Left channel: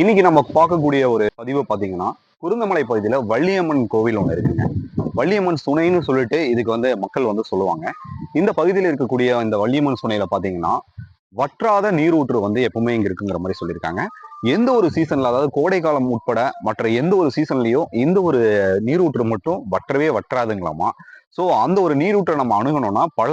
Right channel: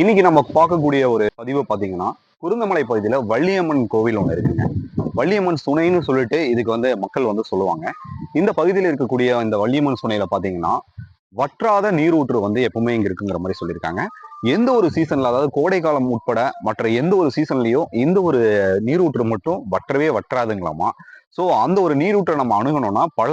இன்னைக்கு நம்ம பார்க்கக்கூடிய ஒரு பதிவு பாத்தீங்கன்னா குருந்தமலை பகுதியில வள்ளியம்மன் கோவில் ஒன்று இருக்குங்க. வள்ளியம்மன் சுனைன்னு சொல்லிட்டு இதுக்கு வந்து மக்கள் வந்து சொல்லுவாங்க. இந்த பகுதியில் இருக்கக்கூடிய இந்த வள்ளியம்மன் சுனையில பாத்தீங்கன்னா வற்றாத நீரூற்று வந்து எப்பவுமே இங்க இருக்குங்கிற மாதிரி சொல்லியிருக்காங்க. எந்த ஒரு சீசன்ல அதாவது கோடை காலம் உட்பட மற்ற எந்த ஒரு சீசன்லயும் இந்த ஒரு நீரூற்று மட்டும் வற்றவே வற்றாதுங்களாமா? ஸோ அந்த ஒரு நீரூற்றை நம்ம அணுகணும்னா பல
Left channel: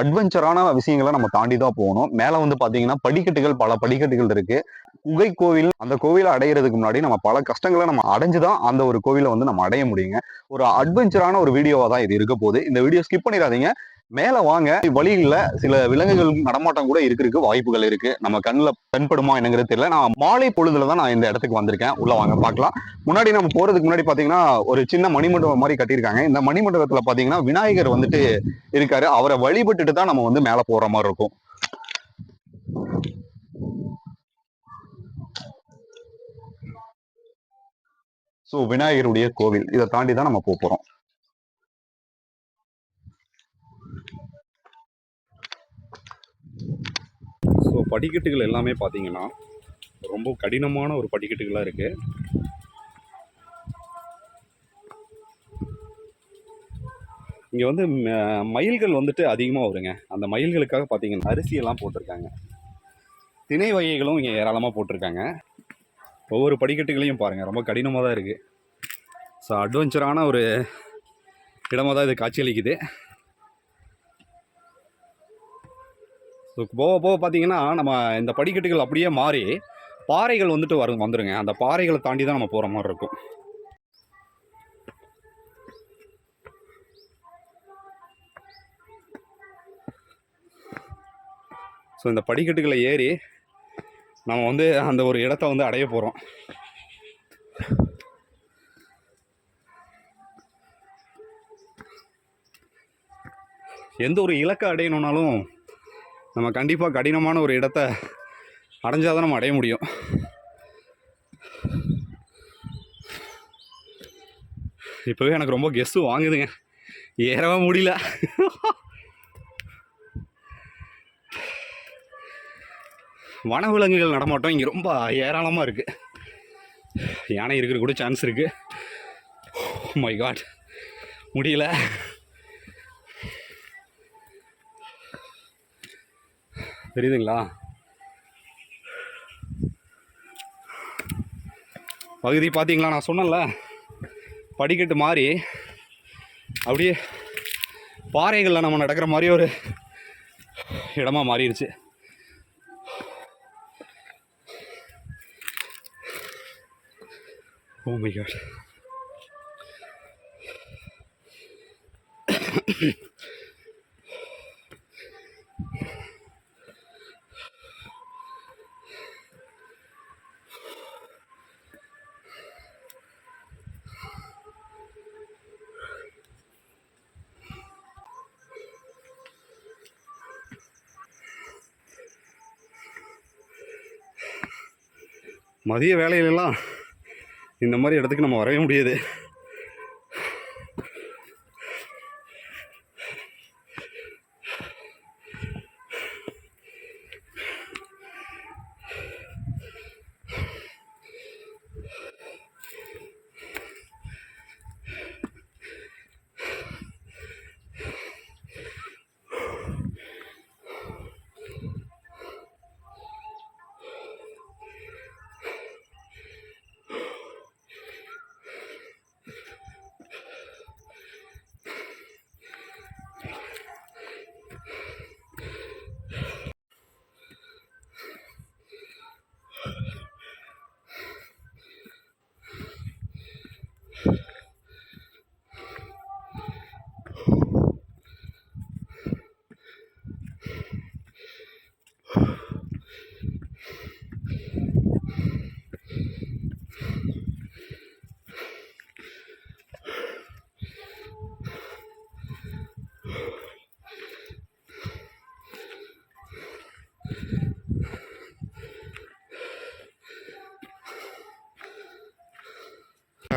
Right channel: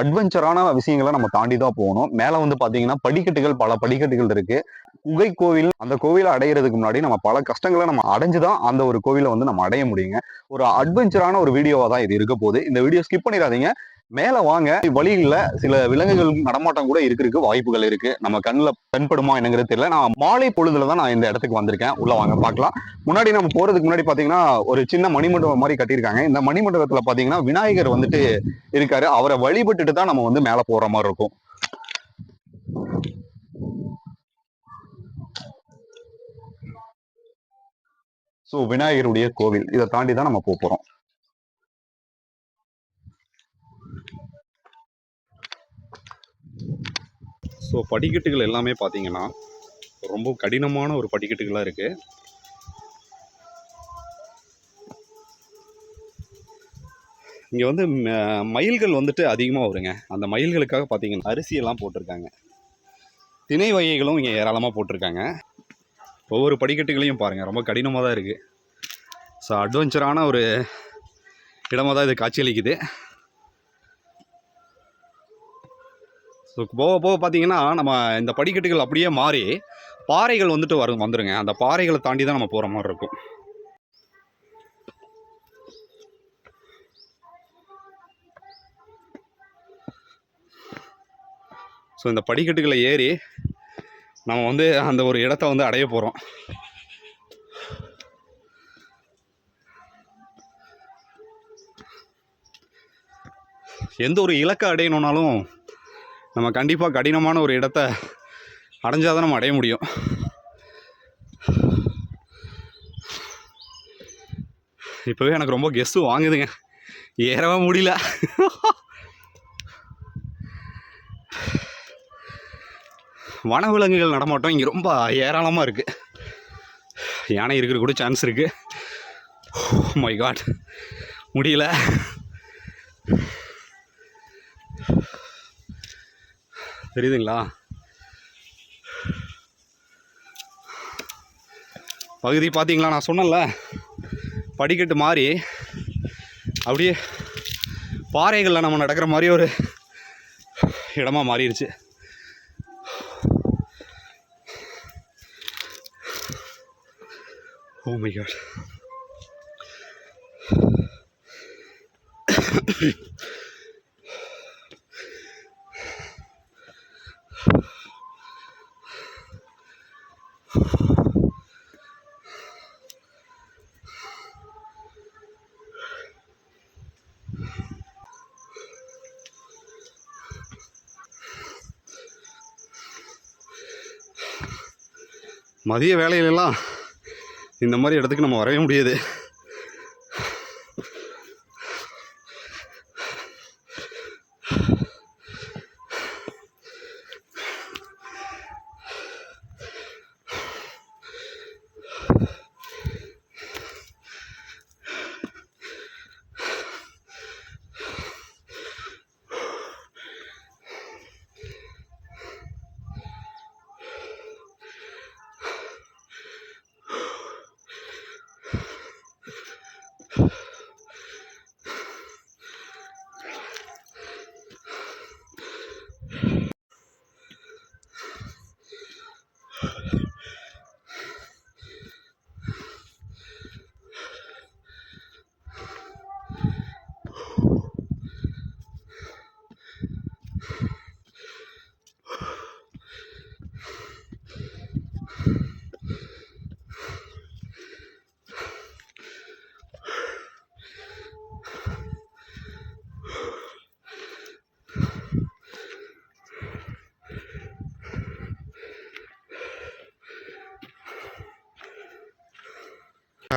அட்வென்ச்சரான விஷயங்களை நம்ம தாண்டி தான் போகணும். மேலே வந்து பார்த்தீங்கன்னா படிக்கட்டுகள் பல படிக்கட்டுகள் இருக்கு. குகை கோவில் அந்த கோவிலை அடையிறதுக்கு முன்னாடி நம்ம பல கஷ்டங்களை நம்ம அடைஞ்சுதான் அந்த ஒரு கோவிலை வந்து நம்ம அடைய முடியுங்க. ஒரு அட்வென்ச்சரான ஒரு வீடியோவா தான் இது இருக்க போகுது. இந்த வீடியோ ஸ்கிப் பண்ணிடாதீங்க. மேல வாங்க. வழியில சில விலங்குகள் நடமாட்டம் கூட இருக்கிறதுக்கு வாய்ப்புகள் இருக்கு. நம்ம கண்ணில் தென்படுமா என்னங்கிறது தெரியல. நான் மாலை பொழுதுல தான் நான் இந்த இடத்துக்கு வந்திருக்கேன். உள்ள வாங்க பார்க்கலாம். முன்னாடி நம்ம போறதுக்கு முன்னாடி பாத்தீங்கன்னா ஒரு சின்ன மணிமண்டபம் மாதிரி கட்டியிருக்காங்க. இந்த மணிமண்டபத்துல பாத்தீங்கன்னா விநாயகர் வந்துட்டு இருக்காரு. அவரை வழிபட்டுட்டு தான் நம்ம வந்து மேல போற மாதிரி இருக்கும். ஸோ விநாயகருடைய கோவில் இதை தாண்டி தான் நம்ம போக போறோம். ஸோ படிக்கட்டுகள் எல்லாமே பார்த்தீங்கன்னா ரொம்ப கடினமான ஒரு படிக்கட்டுகளாக இருக்கு. இங்கே வந்து மயில்கள் வந்துட்டு அதிகமாக வருங்க. அந்த மயில்களுக்காக பார்த்தீங்கன்னா அரிசியெல்லாம் போட்டிருக்காங்க. திணை வகைகளும் இங்கே ஏராளமாக போட்டிருக்காங்க. ஒவ்வொரு படிக்கட்டுகளையும் பாருங்கள் ரொம்ப கடினமாக தான் இருக்குது ஸோ அட்வென்ச்சரான ஒரு இடமாக தான் இது காட்சியளிக்குது. ஸோ போக போக பார்த்தீங்கன்னா நம்ம இந்த படிக்கட்டுகள் அப்படியே மாறி பாறைகள் வந்துட்டு வரும் வந்துடுங்க அந்த பாறைகளை தாண்டி தான் நம்ம போகிற மாதிரி இருக்கும். ஸோ இந்த படிக்கட்டுகளை ஏறி நம்ம வந்து அந்த ஒரு இடத்த வந்து அடைய போகிறோம் எந்த ஒரு இலக்கை அடையணுன்னாலும் நம்ம கண்டிப்பாக கடினமான ஒரு இடத்த அடைஞ்சால் தான் நம்ம அடைய முடியும். இப்போவே எனக்கு ரொம்ப கெஸ்ட்டு வாங்குதுங்க. ஏறவே முடியல. வனவிலங்குகள் நடமாட்டம் இங்கே ரொம்ப ஏராளமாக இருக்குது யானை இருக்கிற கூட சான்ஸ் இருக்குது மை காட் முடியல. தெரியுதுங்களா? பகுதி பார்த்தீங்களா? நான் சொன்னேன்ல. படிக்கட்டு மாறி அப்படியே பாறைகளில் நம்ம நடக்கிற மாதிரி ஒரு இடமா மாறிடுச்சு ஓ மை காட் மதிய வேலையிலலாம் இந்த மாதிரி இடத்துக்கு நம்ம வரவே முடியாது.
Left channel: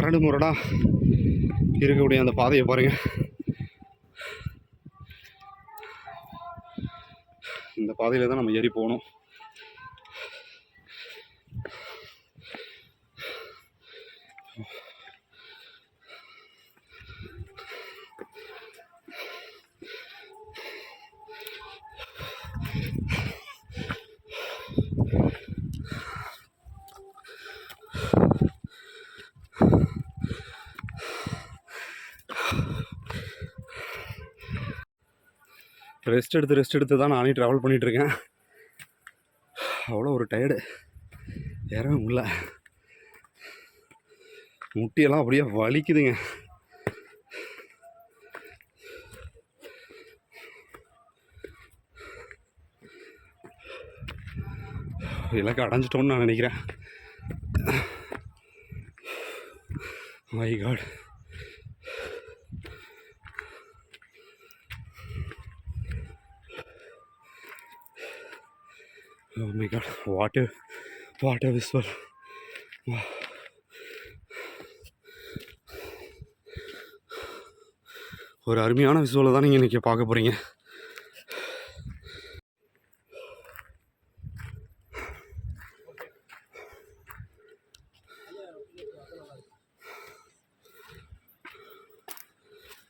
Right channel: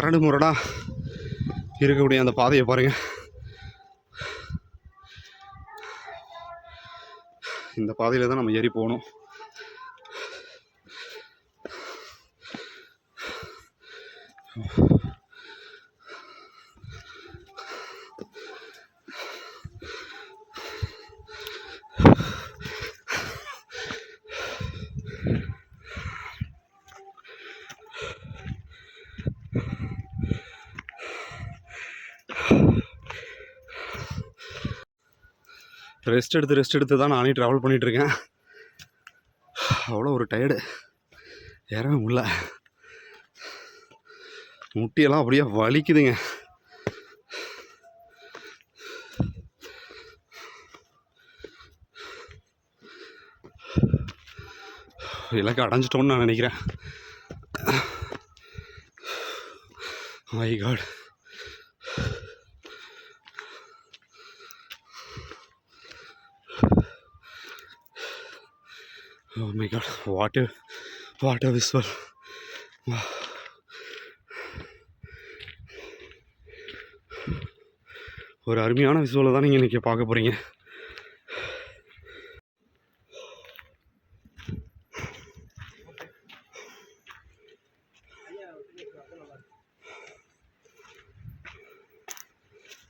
கரடு முரடாக இருக்கக்கூடிய அந்த பாதையை பாருங்கள் இந்த பாதையில் தான் நம்ம ஏறி போகணும். ரெஸ்ட் எடுத்து ரெஸ்ட் எடுத்து தான் நானே ட்ராவல் பண்ணிகிட்ருக்கேன் அவ்வளோ ஒரு டயர்டு ஏறவே முடியல. முட்டியெல்லாம் அப்படியே வலிக்குதுங்க. இலக்கு அடைஞ்சிட்டோன்னு நான் நினைக்கிறேன். My god Oh my god, what a what a visual. Wow. ஒரு அருமையான விஷுவலை தான் நீங்கள் இன்றைக்கி பார்க்க போகிறீங்க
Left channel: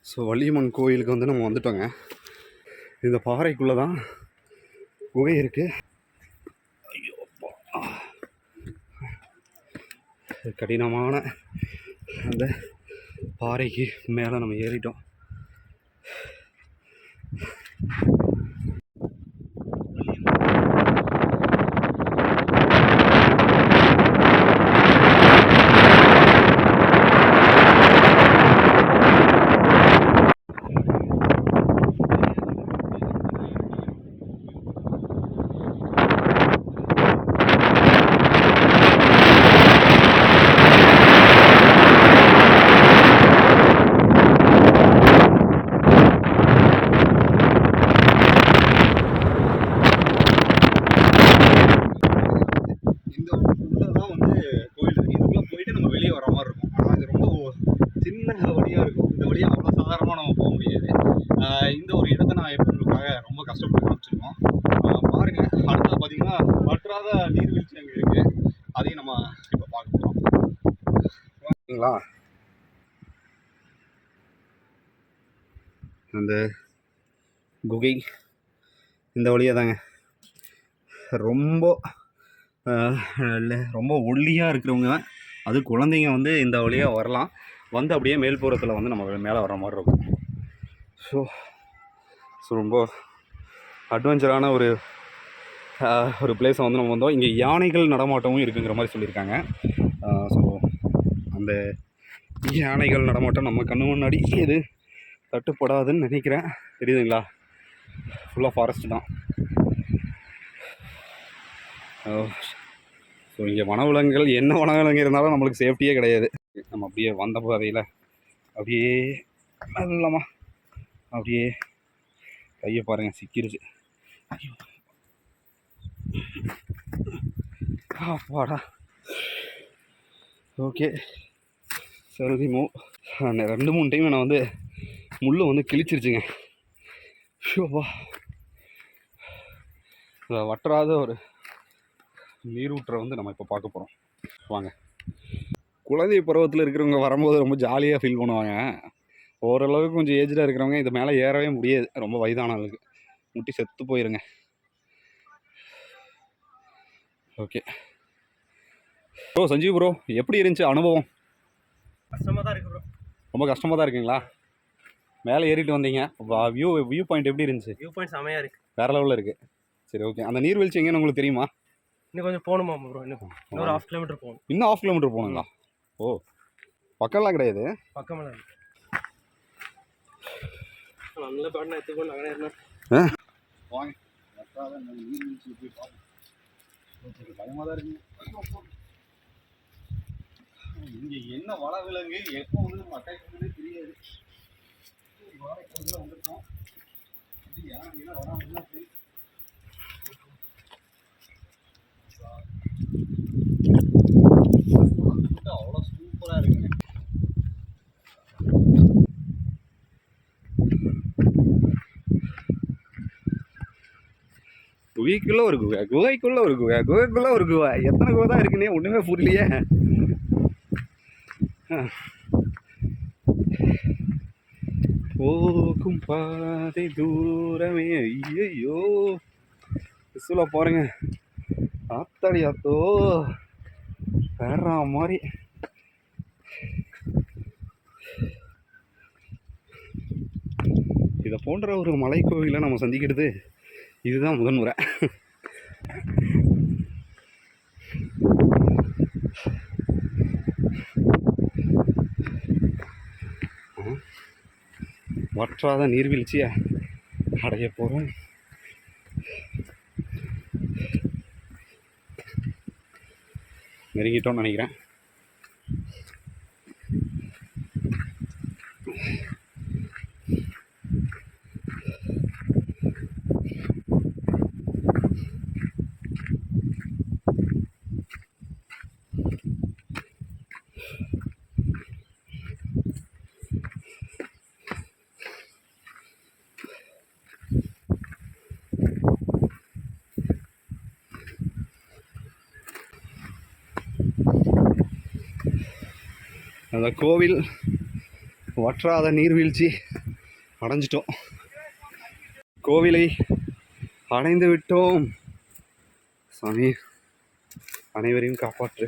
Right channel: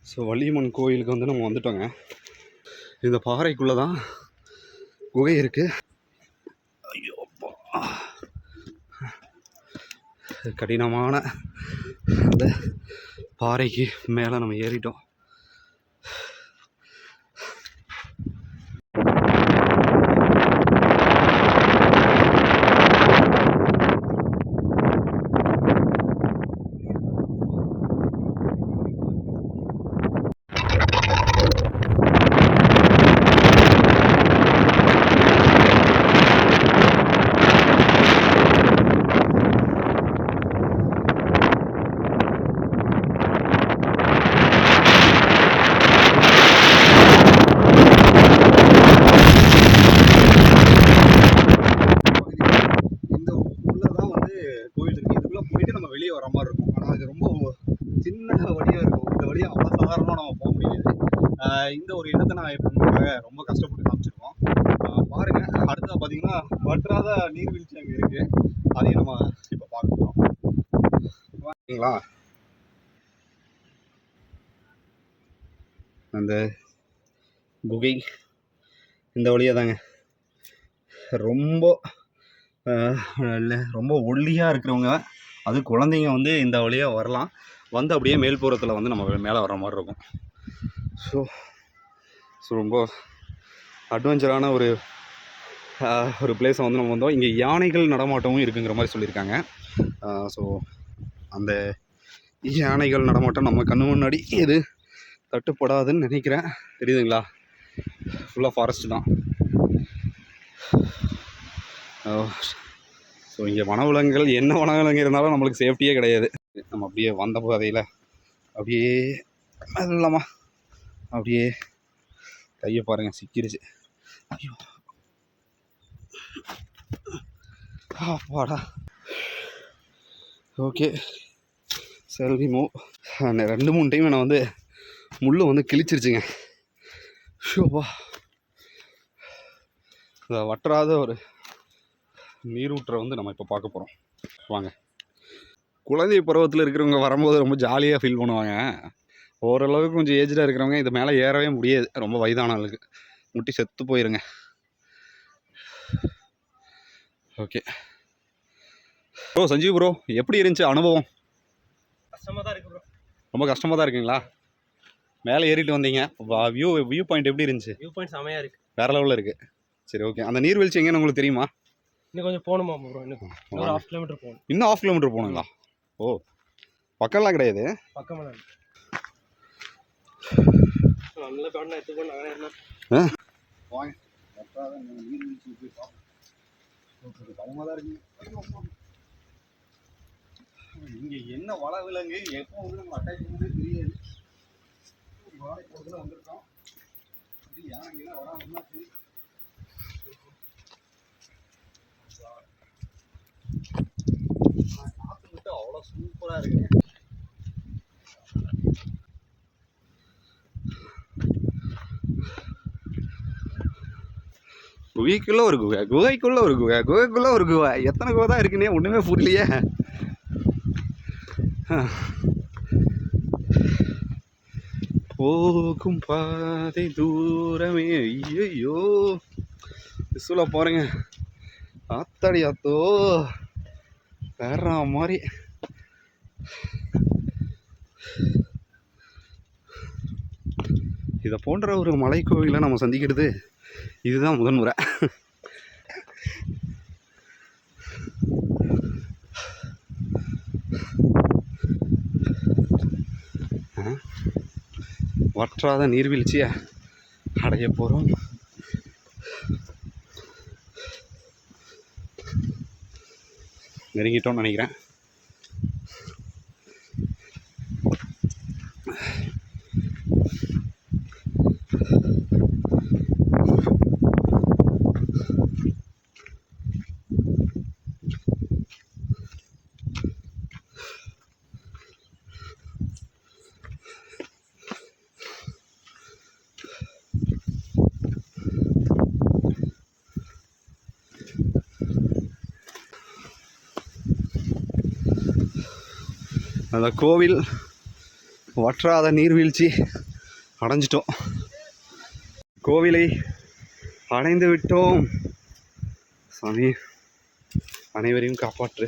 ஸோ வள்ளியம்மன் கோயிலுக்கு வந்து நம்ம வந்துட்டோங்க இந்த பாறைக்குள்ளே தான் குகை இருக்குது ஐயோ அப்பா. கடினமான அந்த பாறைக்கு மேலே நம்ம ஏறிட்டோம் இந்த உள்ளே தான் வந்து கோயில் இருக்குது இதுக்குள்ளே போயிட்டு நம்ம வெளியே வர மாதிரி இருக்கும் ஆனால் இது ரொம்ப ஒ- சின்ன வழியாக இருக்கும் இந்த வழியாக நம்ம போக முடியாது. இந்த ஒரு இடத்த நான் எப்படிக்காக ரொம்ப கஷ்டப்பட்டு காமிச்சிருக்கோம். பாருங்க அடுத்தது பார்த்தீங்கன்னா வற்றாத நீர்வீழ்ச்சி அங்கே இருக்குது அதையும் நம்ம இப்போ பார்க்க போகிறோம் ஓகேங்களா அந்த குகை இந்த வழியாக தாங்க. ரொம்ப ரொம்ப ஒல்லியாக இருக்கிறவங்க அது குழந்தைங்க வந்து இந்த வழியாக வரலாம். வந்து அப்படியே மேல்புறத்தில் வந்து நம்ம மேலே வர மாதிரி இருக்கும். ஸோ ஸோ ரொம்ப அட்வென்ச்சரான ஒரு ஒரு பிளேஸை வந்து நம்ம வந்தோம். இங்கே யானைகள் நடமாட்டமும் இருக்குங்கிற மாதிரி சொல்லியிருக்காங்க. ஸோ அந்த யானைகள் நடமாட்டம் நம்ம கண்ணு முன்னாடி எது தட்டுப்படாதுன்னு நினைக்கிறேன். தெரியுதுங்களா? ஃபுல்லாக ஃபாரஸ்ட் தான். Oh, ஸோ இங்கே வனவிலங்குகள் என்ன வனவிலங்கு இருந்தாலும் நம்மளுக்கு சேஃப்டியே கிடையாது. நம்ம அப்படியே வந்த பாதையில் அப்படியே மெல்லமாக அப்படியே கையை பாருங்கள் சிக்கிருச்சு. ஐயோ. அப்பாடா. ஓகே. சரி மூ. ரெண்டு மூணு டைம் நான் வந்து முள்ளு வந்து கிழிச்சிருச்சுங்க. ஷோப்பா வற்றாத ஒரு நீரூற்றை வந்து நம்ம இப்போ பார்க்க போகிறோம் வாங்க. குழந்தை பருவத்தில் இருக்கிறவங்க வரும்போது ரொம்ப ஜாலியாக ஃபீல் பண்ணுவாங்க. ஓரளவுக்கு கொஞ்சம் ஏஜ்டாக இருக்கிறவங்க இது மேலே ஏறவே முடியாது. ரொம்ப வயதானவங்களுக்கு முட்டி செத்து போயிருங்க. ஓகே ப்ரோ சஞ்சீவ் ப்ரோ எப்படி இருந்துச்சு அனுபவம்? கஷ்டமாக தான் இருக்கு ப்ரோ ரொம்ப கஷ்டமாக தான் இருக்குங்களா? மேலே ஏறிட்டு வந்தீங்க. வியூ வியூ பாயிண்ட் எப்படி இருந்துச்சு? வியூ பாயிண்ட் செமையாக இருக்கு. வேற லெவலில் இருக்குது சரி ஓகே அந்த நீர்வீழ்ச்சி எங்கன்னு உங்களுக்கு தெரியுமா? இன்னும் கொஞ்சம் போகணுமா ப்ரோ இன்னும் இன்னொரு ஹாஃப் கிலோமீட்டர் போகணும். இன்னும் ஆஃப் கிலோமீட்டர் போகணுங்களா? ஓ பக்கம்லாம் கிடையாது? பக்கமாக தான் நல்ல பேட்னா எடுத்துக்கோ நானே இருந்தேன் வாங்க. நீர்வீழ்ச்சி போய் பார்ப்போம். பயமாக தான் இருக்குங்க இங்கே என்ன வள விலங்கு? எப்போ வந்து நம்ம அட்டாக் பண்ணதே தெரியாது. வாழை பொழுதுல வந்திருக்கோம். இது யானைங்கெல்லாம் வராமல் சரி. போட்டு அவ்வளோ சூப்பராக இருக்குங்க. குகைக்குள்ள ஒரு குகை குகைக்குள்ள ஒரு குகை குகைக்குள்ள ஒரு குகை. எத்தனை குகை தான் இருக்குன்னே ஒன்றுமே புரியலையே. போகும் பாதை தூரமே ஐயோ விசுவில் போகிறேங்க ஆத்தாடி ஆத்தோ வேற மாதிரி. இதை போன்ற ஒரு மலைக்கோவிலை நம்ம சந்திக்கிறது இதுதான் முதன்முறை வற்றாத நீர்வீழ்ச்சியை அடைய போகிறோம் நெருங்கிட்டோம்னு நினைக்கிறேன். அந்த கோவில் வற்றாத நீர்வீழ்ச்சி அடைஞ்சிட்டோம். கோவிலை அடைந்து விட்டோம் சாமி அனைவரையும் காப்பாற்று.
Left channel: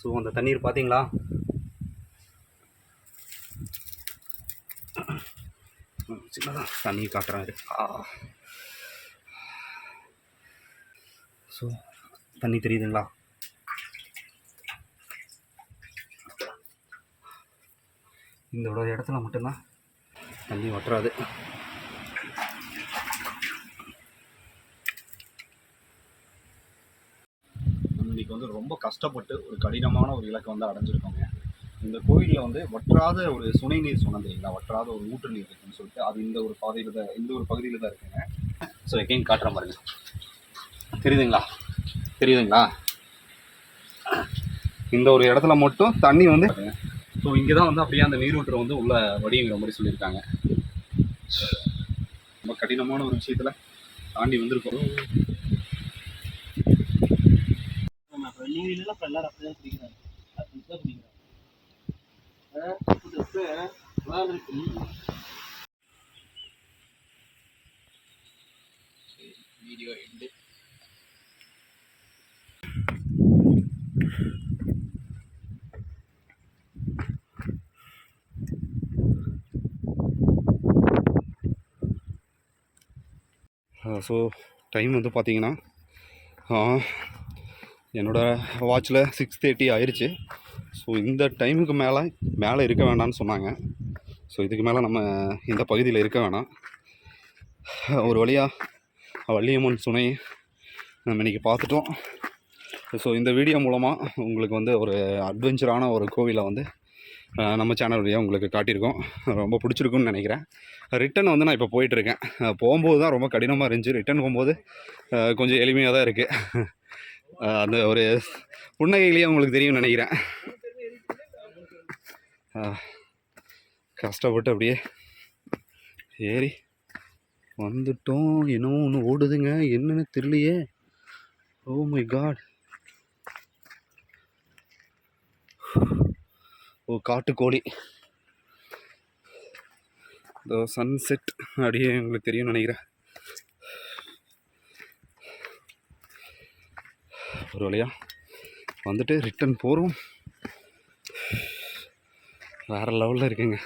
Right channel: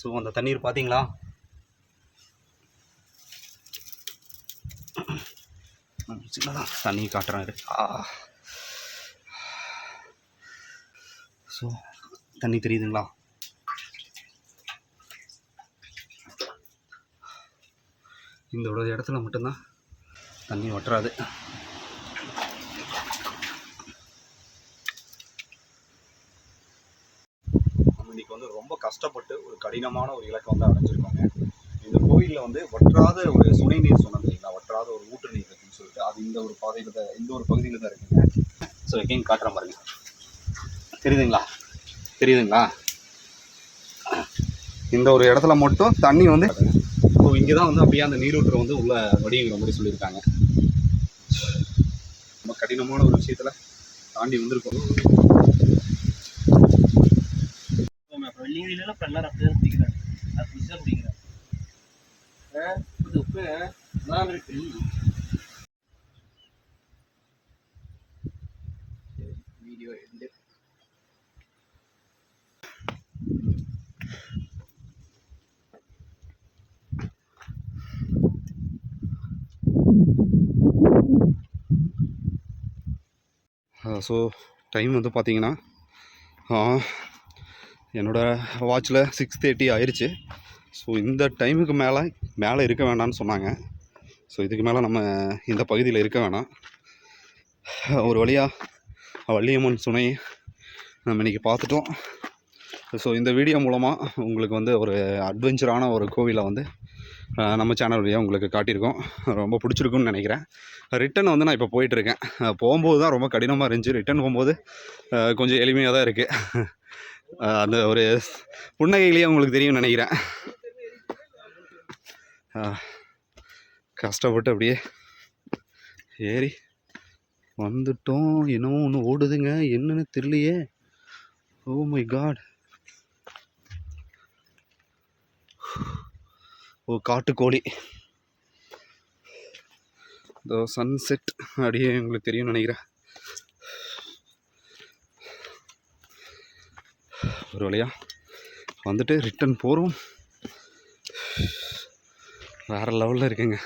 ஸோ அந்த தண்ணீர் பார்த்தீங்களா சின்னதான் தண்ணி காட்டுறேன் ஆ. ஸோ தண்ணி தெரியுதுங்களா? இந்த ஒரு இடத்துல மட்டும்தான் தண்ணி வட்டுறாது நம்ம இன்னைக்கு வந்து ரொம்ப கஷ்டப்பட்டு ஒரு கடினமான ஒரு இலக்கை வந்து அடைஞ்சிருக்காங்க. இந்த கோயிலில் வந்து வற்றாத ஒரு சுனை நீர் சொன்னது இல்லைங்களா வற்றாத ஒரு ஊற்று நீர் இருக்குன்னு சொல்லிட்டு அது இந்த ஒரு பாதையில் தான் இந்த ஒரு பகுதியில் தான் இருக்குங்க. ஸோ எங்கேயும் காட்டுற பாருங்க. தெரியுதுங்களா? தெரியுதுங்களா? இந்த ஒரு இடத்துல மட்டும் தண்ணி வந்து ஸோ இங்கே தான் வந்து அப்படியே அந்த நீரூற்று வந்து உள்ள வடிங்கிற மாதிரி சொல்லியிருக்காங்க. ரொம்ப கடினமான ஒரு விஷயத்தில் தாண்டி வந்திருக்கோம். அப்புறம் அப்புறம் எல்லாரும் அப்படி தான் குடிக்கிறாங்க. அது புதுசாக குடிக்கிறாங்க. ஆ உப்பு நல்லா இருக்கு வீடியோ எண்டு ஸோ டைம் வந்து பார்த்தீங்கன்னா என்னோடய வாட்சில் சிக்ஸ் தேர்ட்டி ஆயிடுச்சு ஸோ இந்த டைமுக்கு மேலே மேலே இருக்க வேண்டாம்னு சொன்னாங்க. ஸோ இதுக்கு மேலே நம்ம இந்த பகுதியில் இருக்க வேணாம். ஒரு வழியாக வள்ளியம்மன் சுனை நம்ம இன்றைக்கி பார்த்துட்டோம். ஸோ இந்த வீடியோ மூலமாக உங்களுக்கு வந்து ஒரு அட்வென்ச்சரான ஒரு கோவிலை வந்து நம்ம சேனல் வழியாக உங்களுக்கு காட்டியிருக்கோம். ரொம்ப பிடிச்சிருக்குன்னு நினைக்கிறேன். ரிட்டன் வந்து நான் இப்போ போயிட்டுருக்கேன் போகும்போது தான் ரொம்ப கடினமாக இருந்துச்சு. ரிட்டன் போகும்போது கொஞ்சம் எளிமையாக தான் இருக்குது அந்த ஒரு புன்னகையிலேயே உங்களுக்கு தெரியும்னு நினைக்கிறேன். கஷ்டப்பட்டு அப்படியே ஏறி வந்துட்டோம். என்னமோ ஒன்று ஓடுதுங்க. என்னன்னு தெரியலையே. ஓ மை காட் ஓ காட்டுக்கோழி. இதோ சன்செட் அப்படியே உங்களுக்கு தெரியும்னு நினைக்கிறேன். ஒரு வழியாக வந்துட்டு ரிட்டன் போகிறோம் வேறு லெவலில் இருக்குங்க.